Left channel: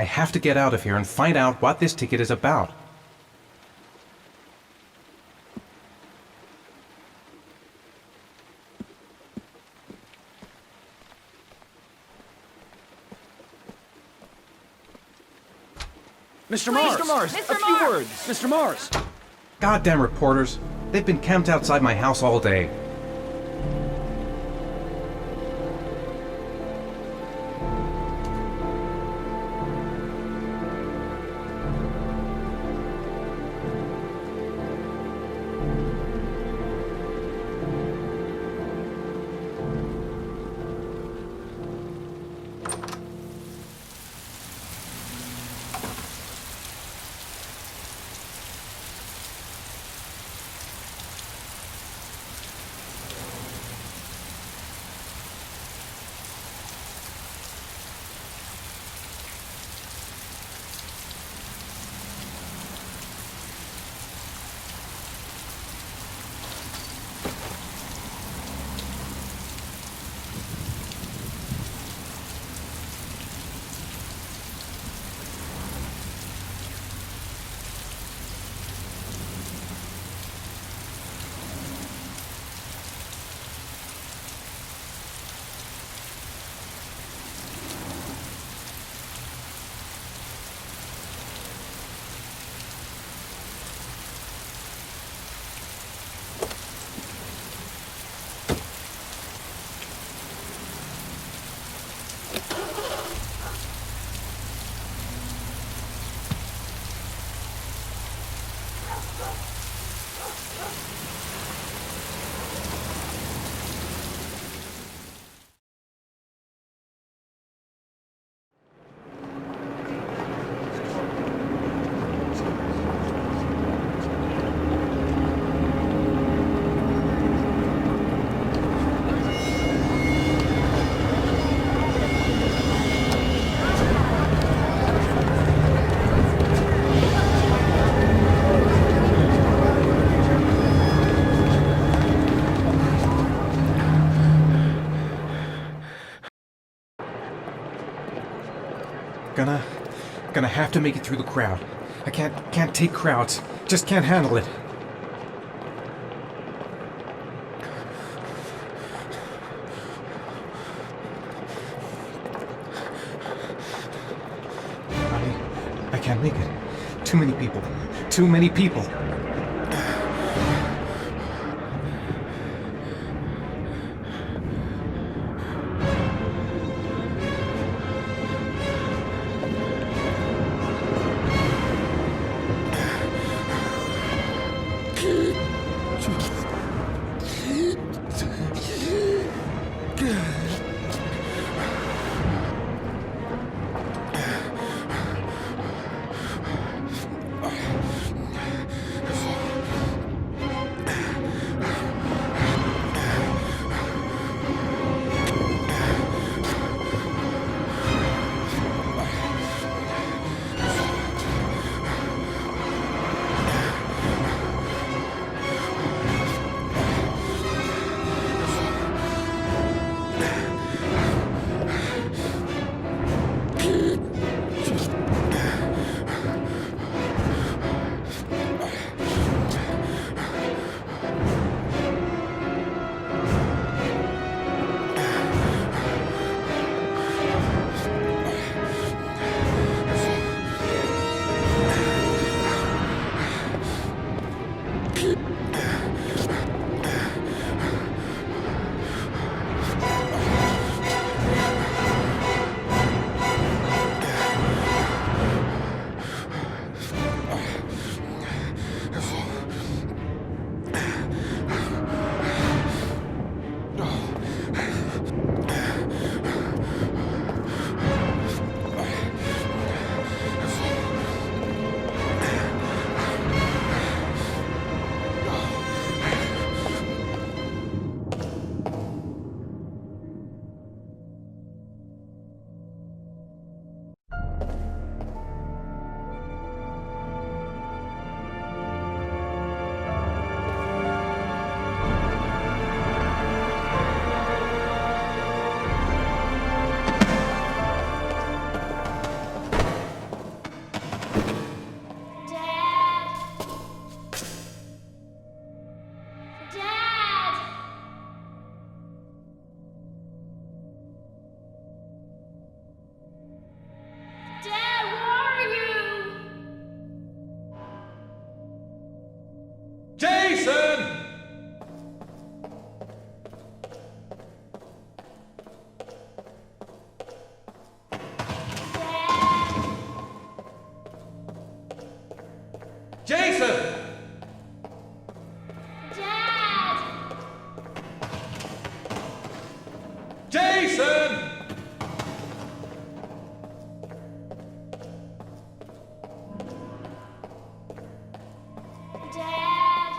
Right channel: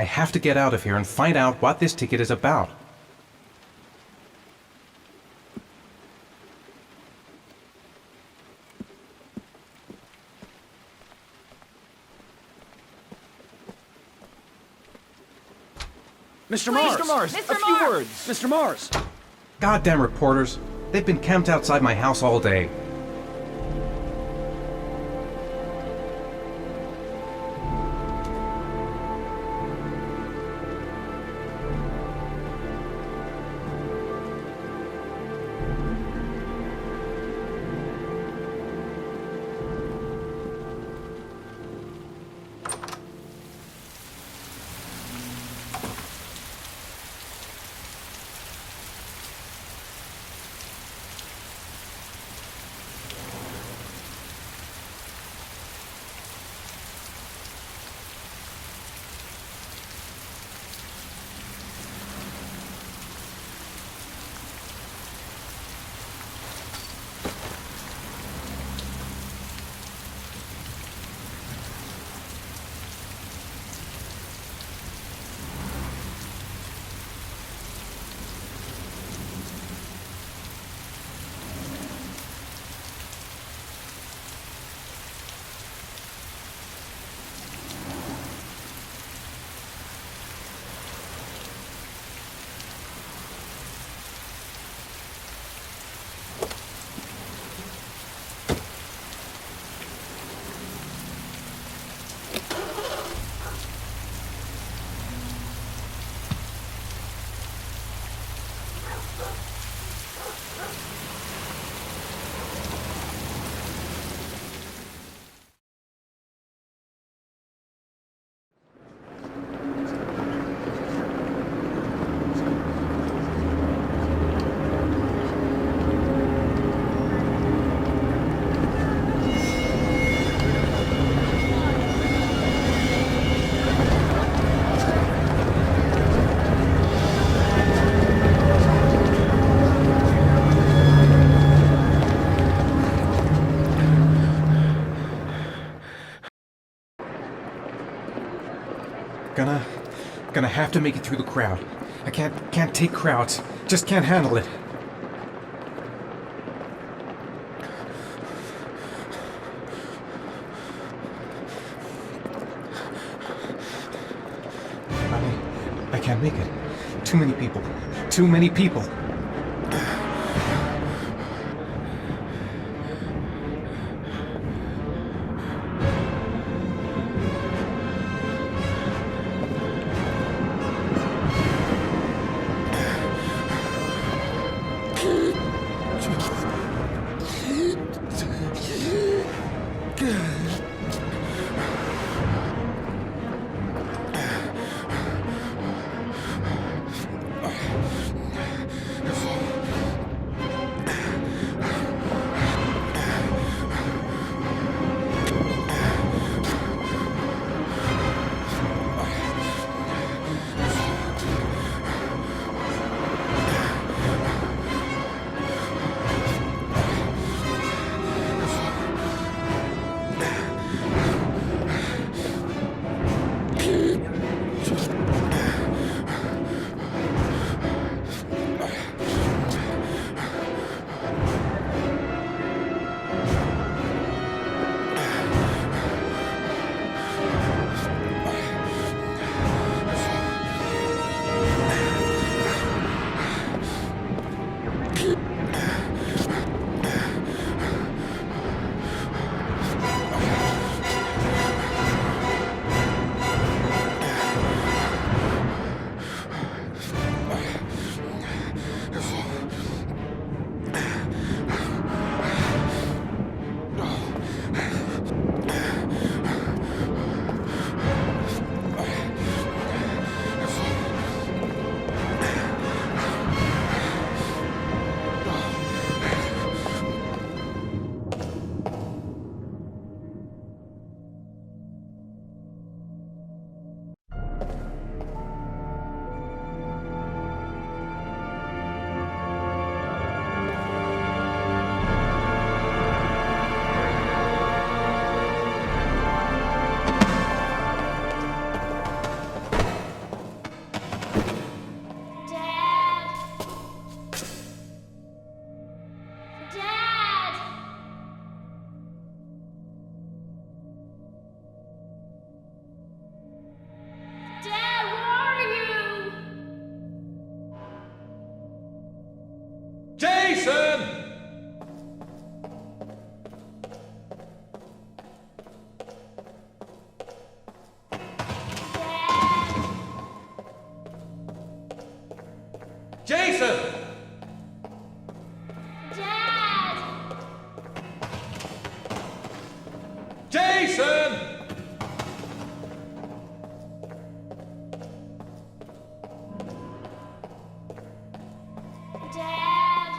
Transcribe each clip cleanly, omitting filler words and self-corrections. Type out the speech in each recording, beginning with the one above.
I have to get out of here and find out what this ticket is about. Mr. Mars! Mr. Mars! A few words! Mr. Mars! Goddamn reporters. They've been camped outside my house all day. Gonna have to make it through the crowd. I can't take crowds. Just can't handle it. I can't make it. Too many people. Too many people. Jason! Dad! Jason! Dad!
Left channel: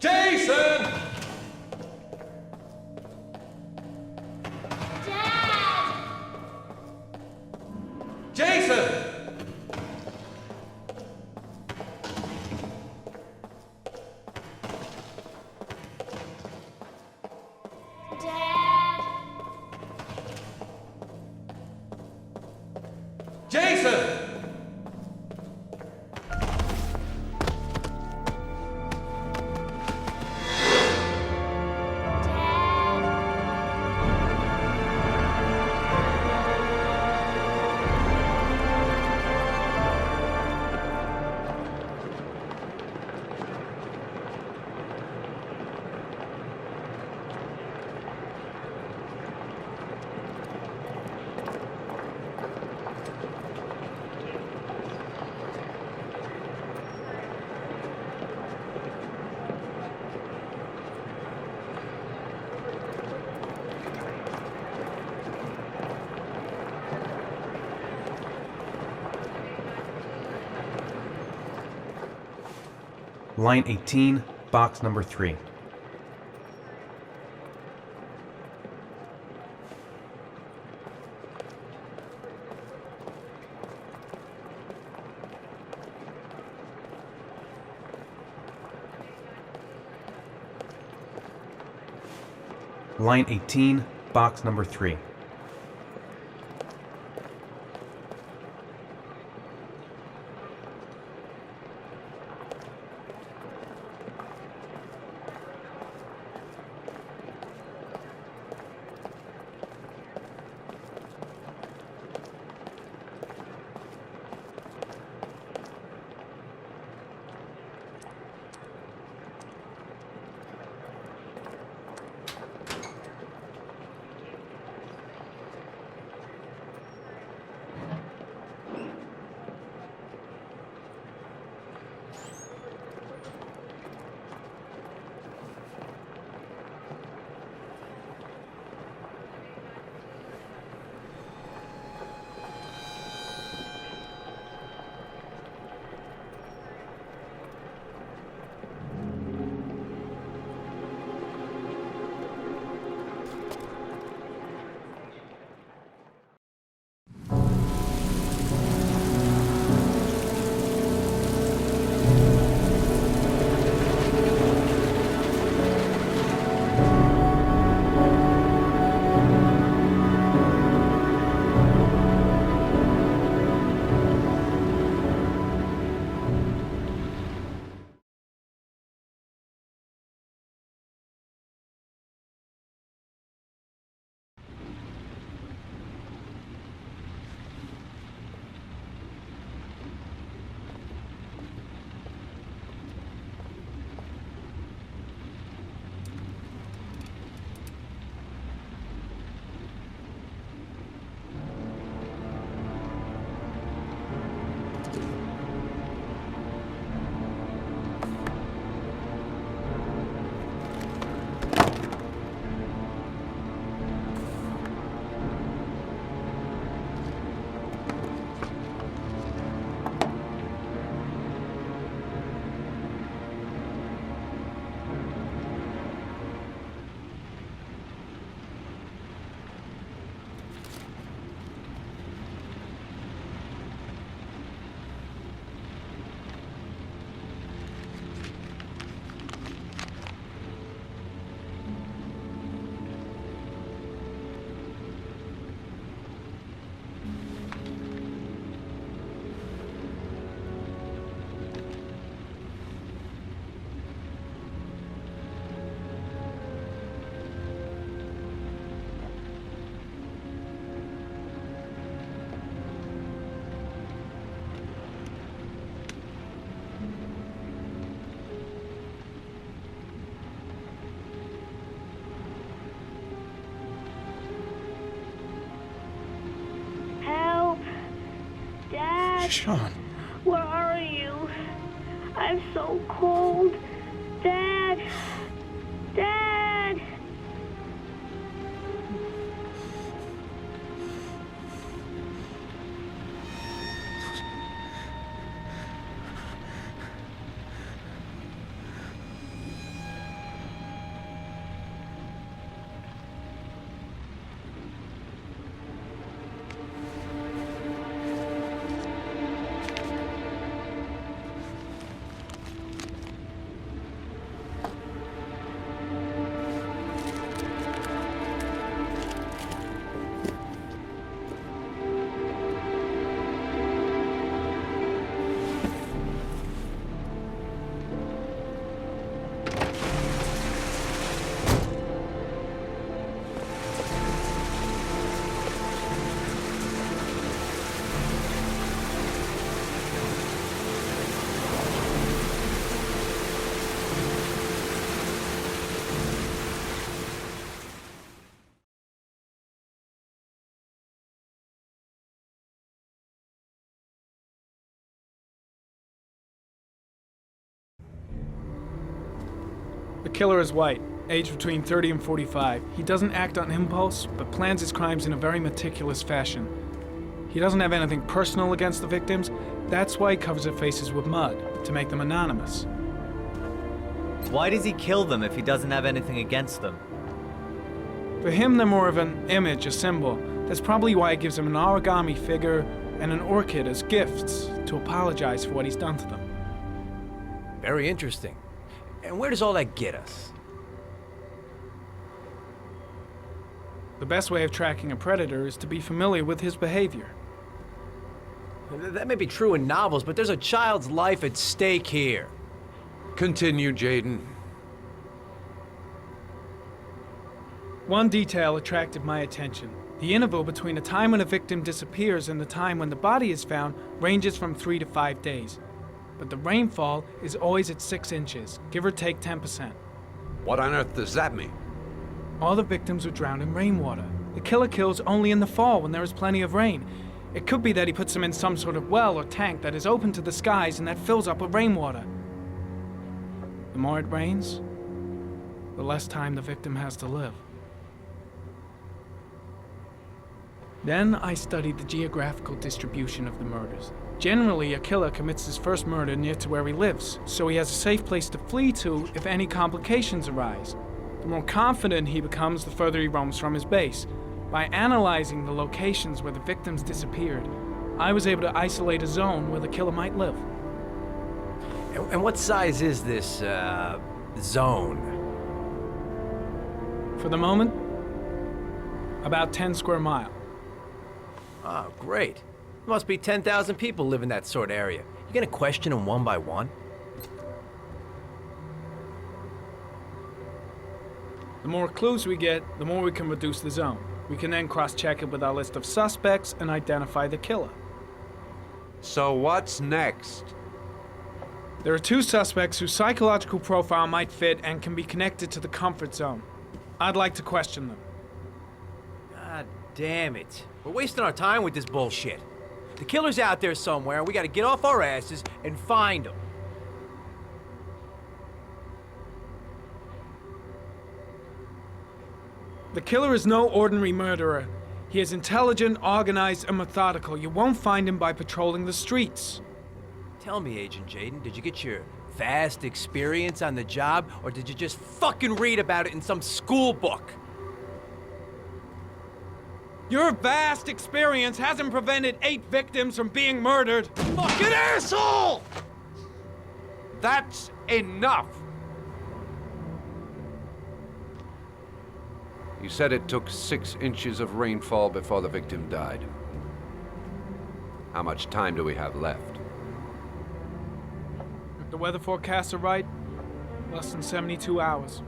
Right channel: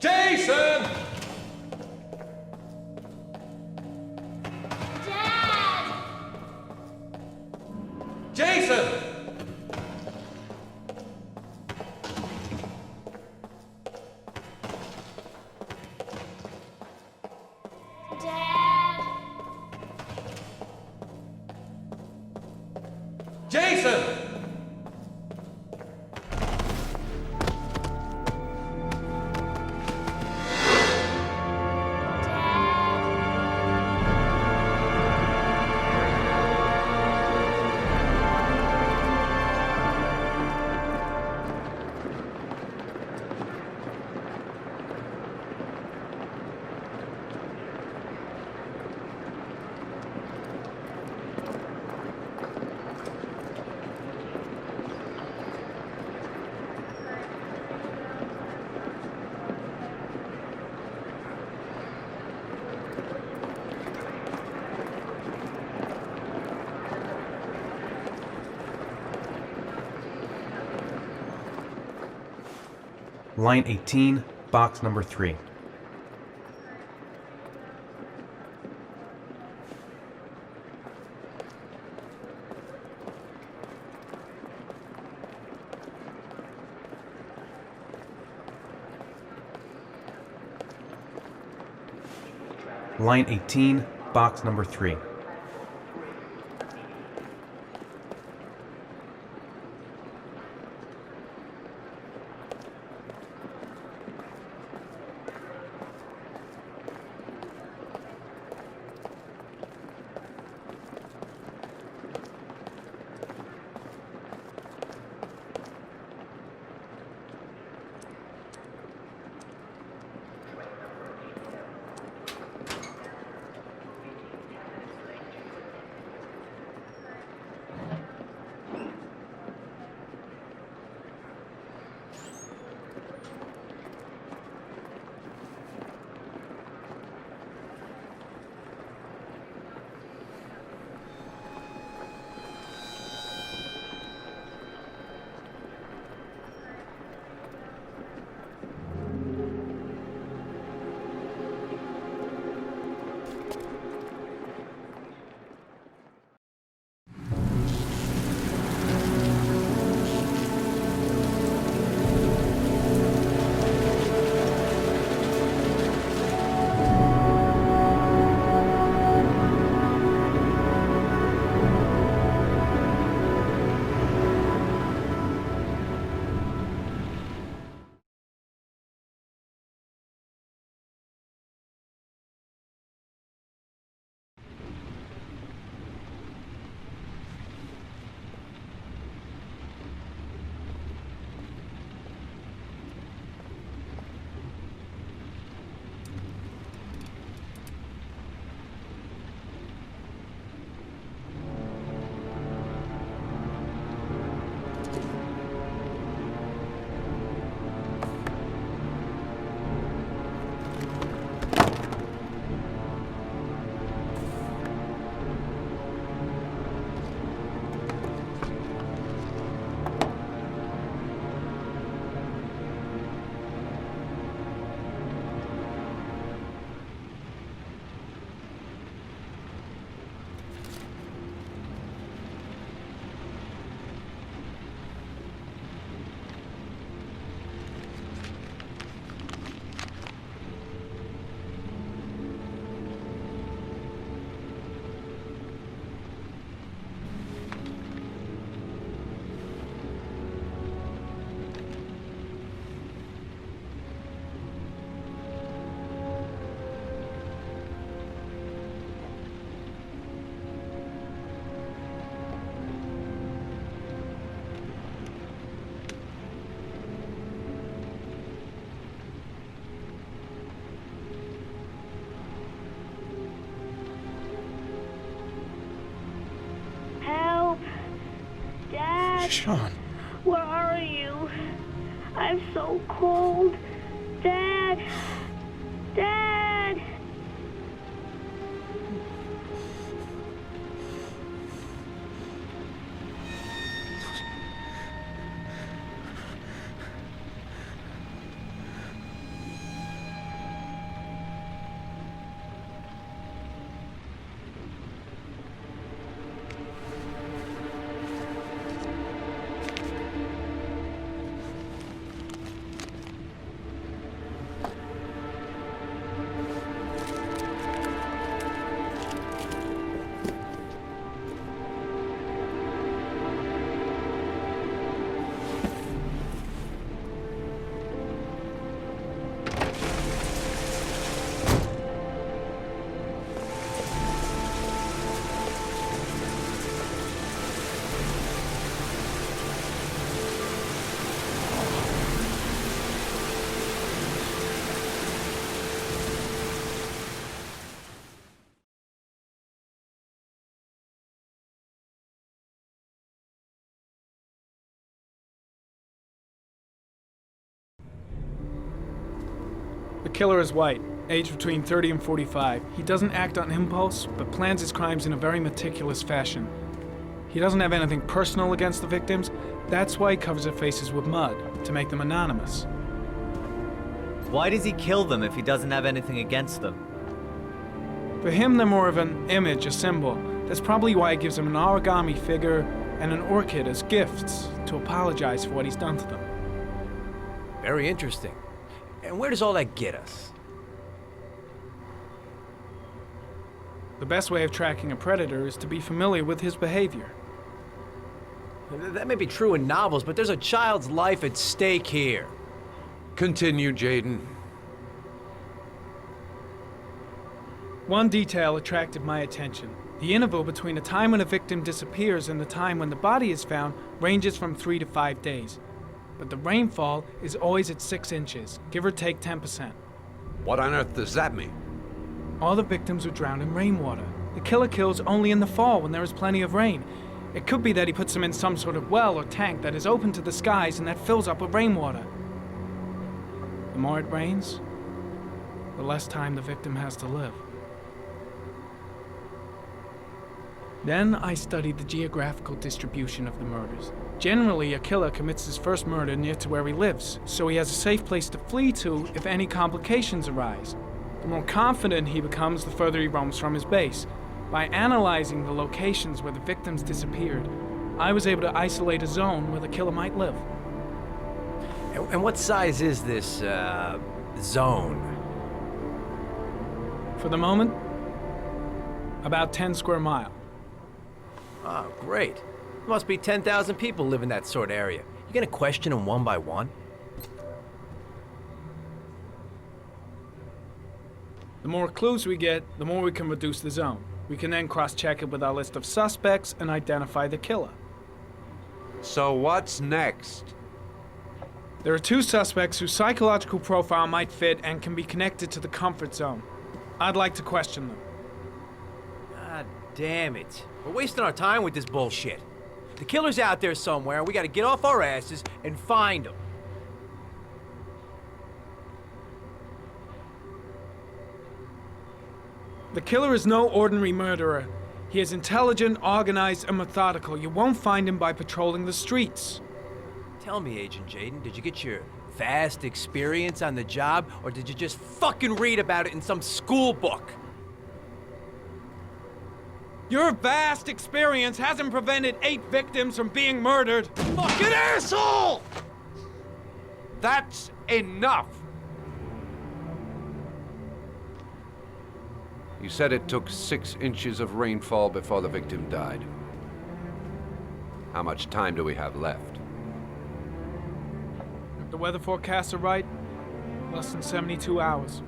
Jason! Dad! Jason! Dad! Jason! Dad! Line 18, box number 3. Line 18, box number 3. Help! Dad! Sean, you? I'm so cold. Dad. Dad. The killer is white, aged between 30 and 45. He doesn't act on impulse, but plans his crimes in a very meticulous fashion. He doesn't have anything personal against the victims. That's why he covers their faces with mud, to make them anonymous. Why does he kill them if he doesn't have anything against them? For him, they're more of an image, a symbol. That's probably why he gives them an origami figure and an orchid as gifts to apologize for what he's done to them. Very interesting. And where does all that get us? The best way of tracking a predator is to be familiar with his behavior. That may be true in novels, but there's a child's life at stake here. Continue, Jaden. One detail attracted my attention. The interval between the time when a victim disappears and the time when the body is found ranges from 3 to 5 days. But the rainfall is always at 6 inches, give or take 10%. What on earth does that mean? All the victims were drowned in rainwater. The killer kills only in the fall when there is plenty of rain. It could be that he puts them in some sort of well or tank that is open to the skies and that fills up with rainwater. The more it rains, the less time the victim has to live. Then I studied the geographical distribution of the murders. Generally, a killer commits his first murder near to where he lives, so he has a safe place to flee to if any complications arise. The more confident he becomes, the further he roams from his base. By analyzing the locations where the victims disappeared, I was able to isolate a zone where the killer might live. And what size is this, zone? For the moment, about 10 square miles. Oh, great. There must be 10,000 people live in that sort of area. You gonna question them one by one? The more clues we get, the more we can reduce the zone. We can then cross-check it with our list of suspects and identify the killer. So what's next? There are 2 suspects whose psychological profile might fit and can be connected to the comfort zone. I'd like to question them. God damn it. We're wasting our time with this bullshit. The killer's out there somewhere, and we gotta get off our asses and find him. The killer is no ordinary murderer. He is intelligent, organized, and methodical. You won't find him by patrolling the streets. Tell me, Agent Jaden, did you get your vast experience on the job, or did you just fucking read about it in some school book? Your vast experience hasn't prevented 8 victims from being murdered. Fucking asshole! That's enough! You said it took 6 inches of rainfall before the victim died. How much time do we have left? If the weather forecasts are right, less than 72 hours.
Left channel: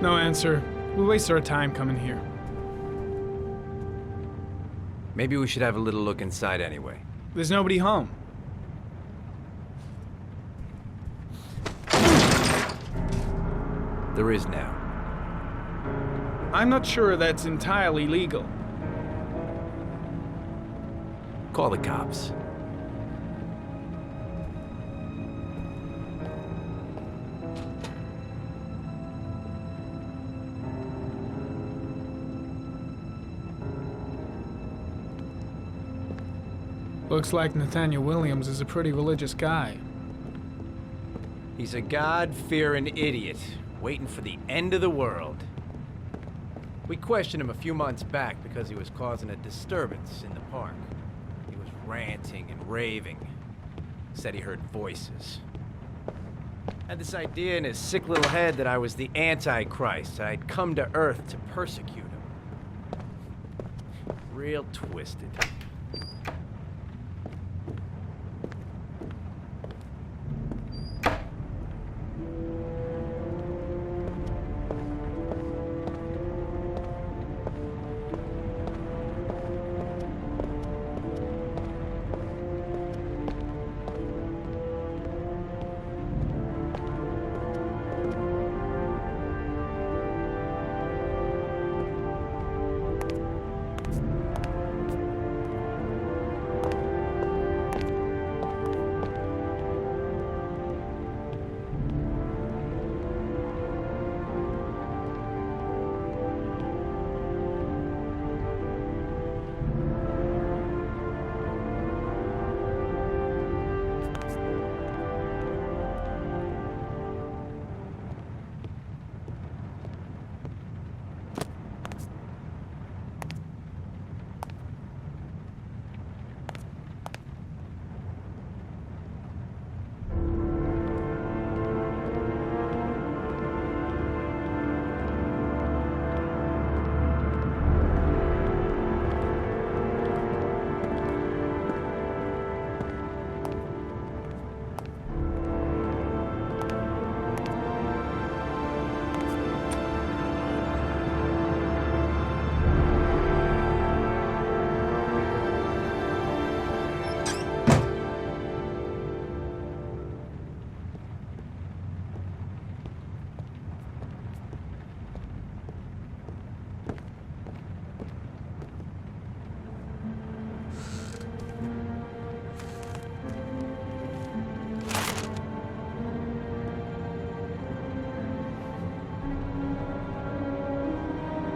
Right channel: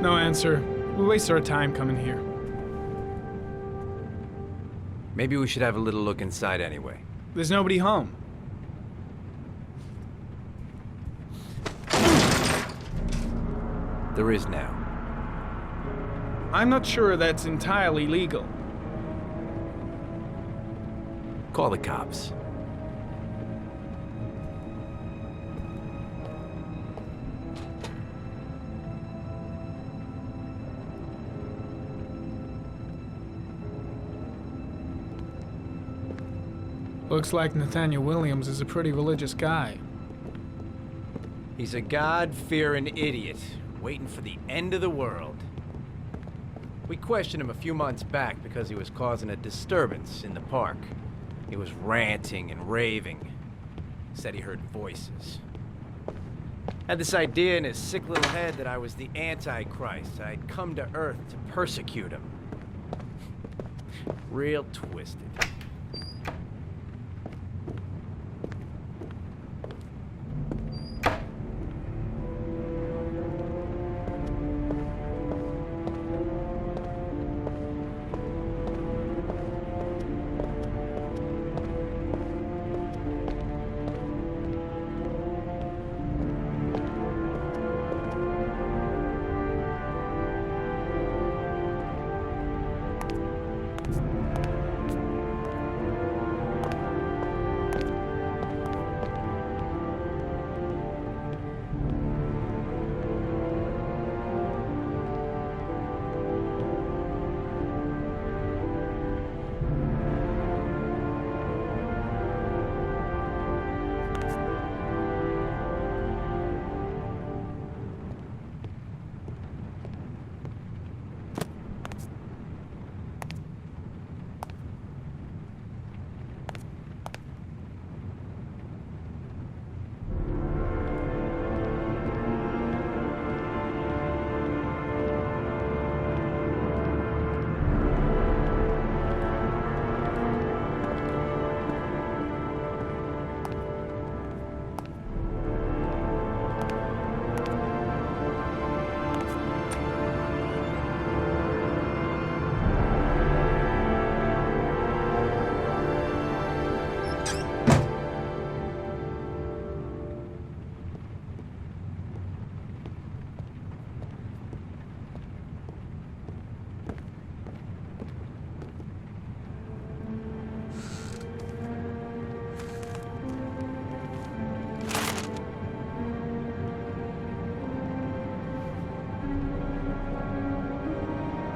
No answer. We waste our time coming here. Maybe we should have a little look inside anyway. There's nobody home. There is now. I'm not sure that's entirely legal. Call the cops. Looks like Nathaniel Williams is a pretty religious guy. He's a God-fearing idiot, waiting for the end of the world. We questioned him a few months back because he was causing a disturbance in the park. He was ranting and raving. Said he heard voices. Had this idea in his sick little head that I was the Antichrist. I'd come to Earth to persecute him. Real twisted.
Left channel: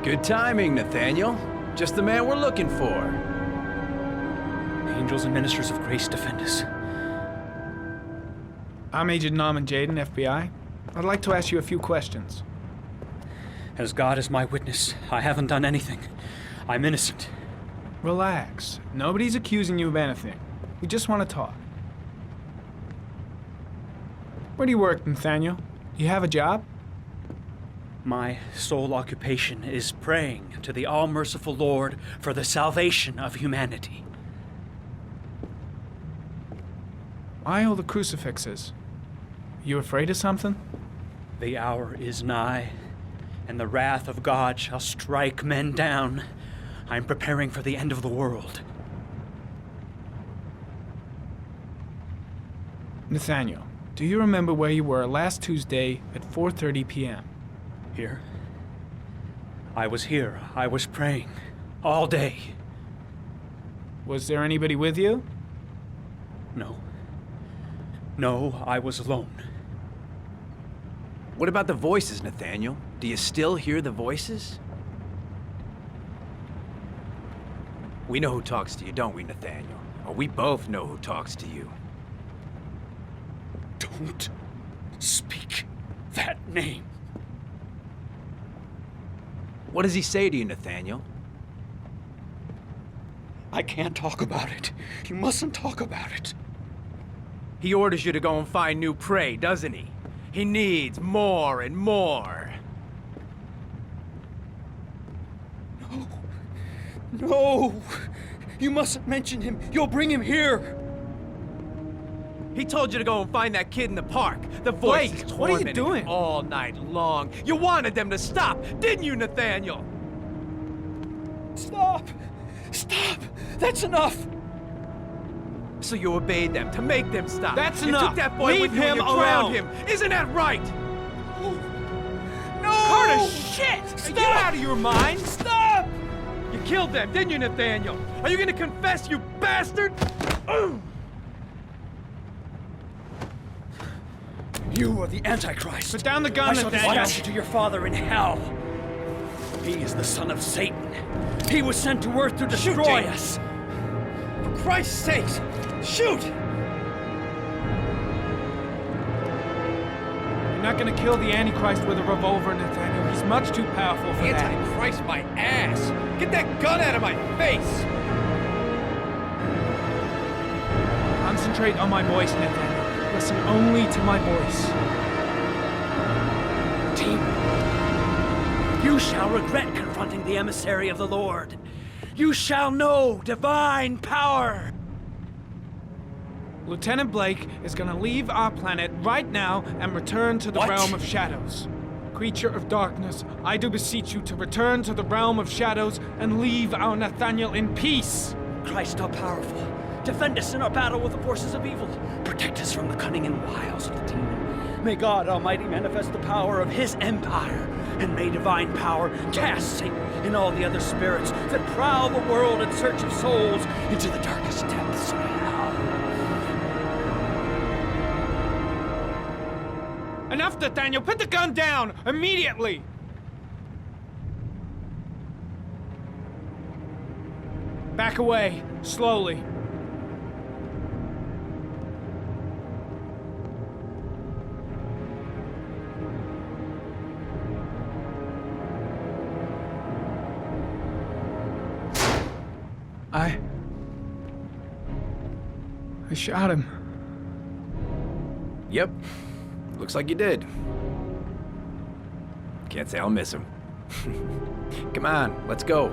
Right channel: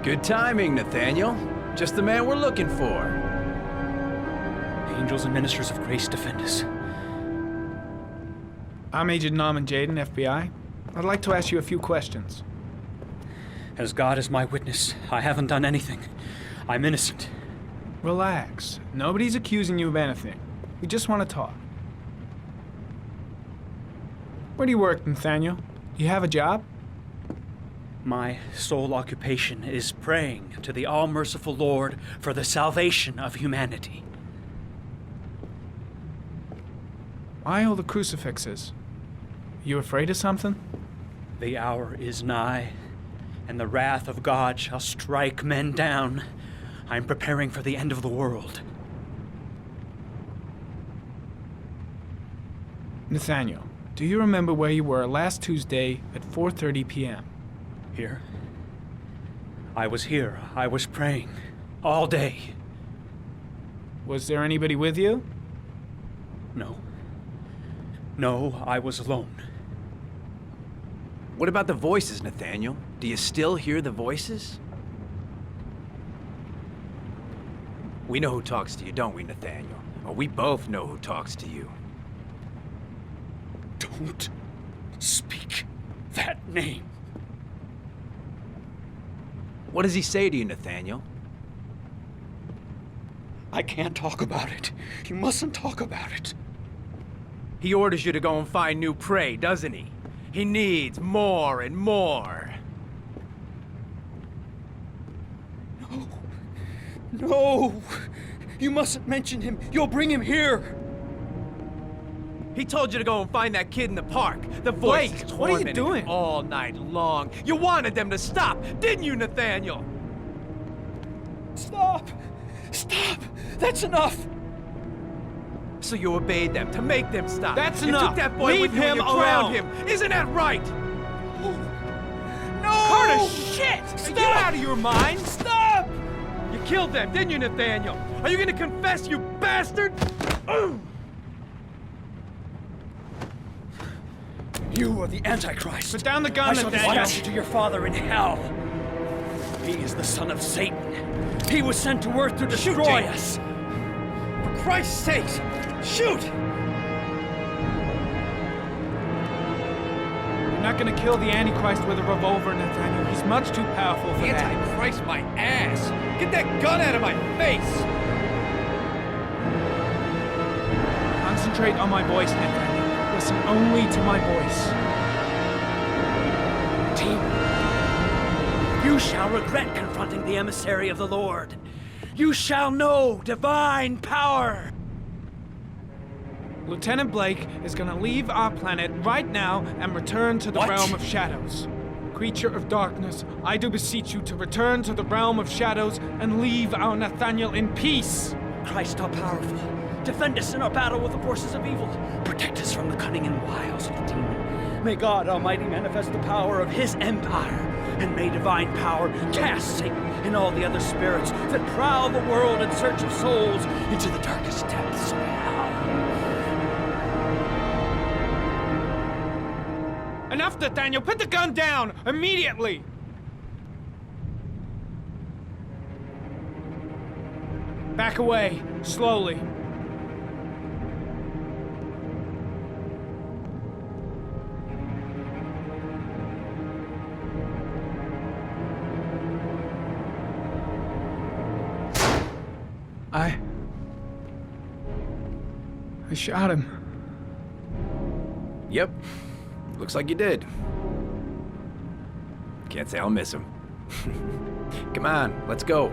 Good timing, Nathaniel. Just the man we're looking for. Angels and ministers of grace defend us. I'm Agent Norman Jaden, FBI. I'd like to ask you a few questions. As God is my witness, I haven't done anything. I'm innocent. Relax. Nobody's accusing you of anything. We just want to talk. Where do you work, Nathaniel? Do you have a job? My sole occupation is praying to the all-merciful Lord for the salvation of humanity. Why all the crucifixes? You afraid of something? The hour is nigh, and the wrath of God shall strike men down. I'm preparing for the end of the world. Nathaniel, do you remember where you were last Tuesday at 4:30 p.m.? Here? I was here. I was praying. All day. Was there anybody with you? No. No, I was alone. What about the voices, Nathaniel? Do you still hear the voices? We know who talks to you, don't we, Nathaniel? Or we both know who talks to you. Don't speak that name. What does he say to you, Nathaniel? I can't talk about it. You mustn't talk about it. He orders you to go and find new prey, doesn't he? He needs more and more. No. No! You mustn't mention him. You'll bring him here. He told you to go and find that kid in the park. The voice Blake, is what are you tormenting him doing? all night long. You wanted them to stop, didn't you, Nathaniel? Stop! Stop! That's enough! So you obeyed them to make them stop. That's you enough. took that boy Leave with you him and you drowned alone. him. Isn't that right? No! Carter, shit! Stop! Get out of your mind! Stop! You killed them, didn't you, Nathaniel? Are you gonna confess, you bastard? You are the Antichrist. Put down the gun, I shall Nathaniel. dispatch you to your father in hell. He is the son of Satan. He was sent to earth to destroy James. us. For Christ's sake, shoot! You're not gonna kill the Antichrist with a revolver, Nathaniel. He's much too powerful for that. Antichrist my ass! Get that gun out of my face! Concentrate on my voice, Nathaniel. Listen only to my voice. Team, you shall regret confronting the emissary of the Lord. You shall know divine power. Lieutenant Blake is gonna leave our planet right now and return to the What? realm of shadows. Creature of darkness, I do beseech you to return to the realm of shadows and leave our Nathaniel in peace. Christ all powerful, defend us in our battle with the forces of evil. Protect us from the cunning and wiles of the demon. May God Almighty manifest the power of His empire, and may divine power cast Satan and all the other spirits that prowl the world in search of souls into the darkest depths of hell. Enough, Nathaniel! Put the gun down! Immediately! Back away, slowly. I shot him. Yep. Looks like you did. Can't say I'll miss him. Come on, let's go.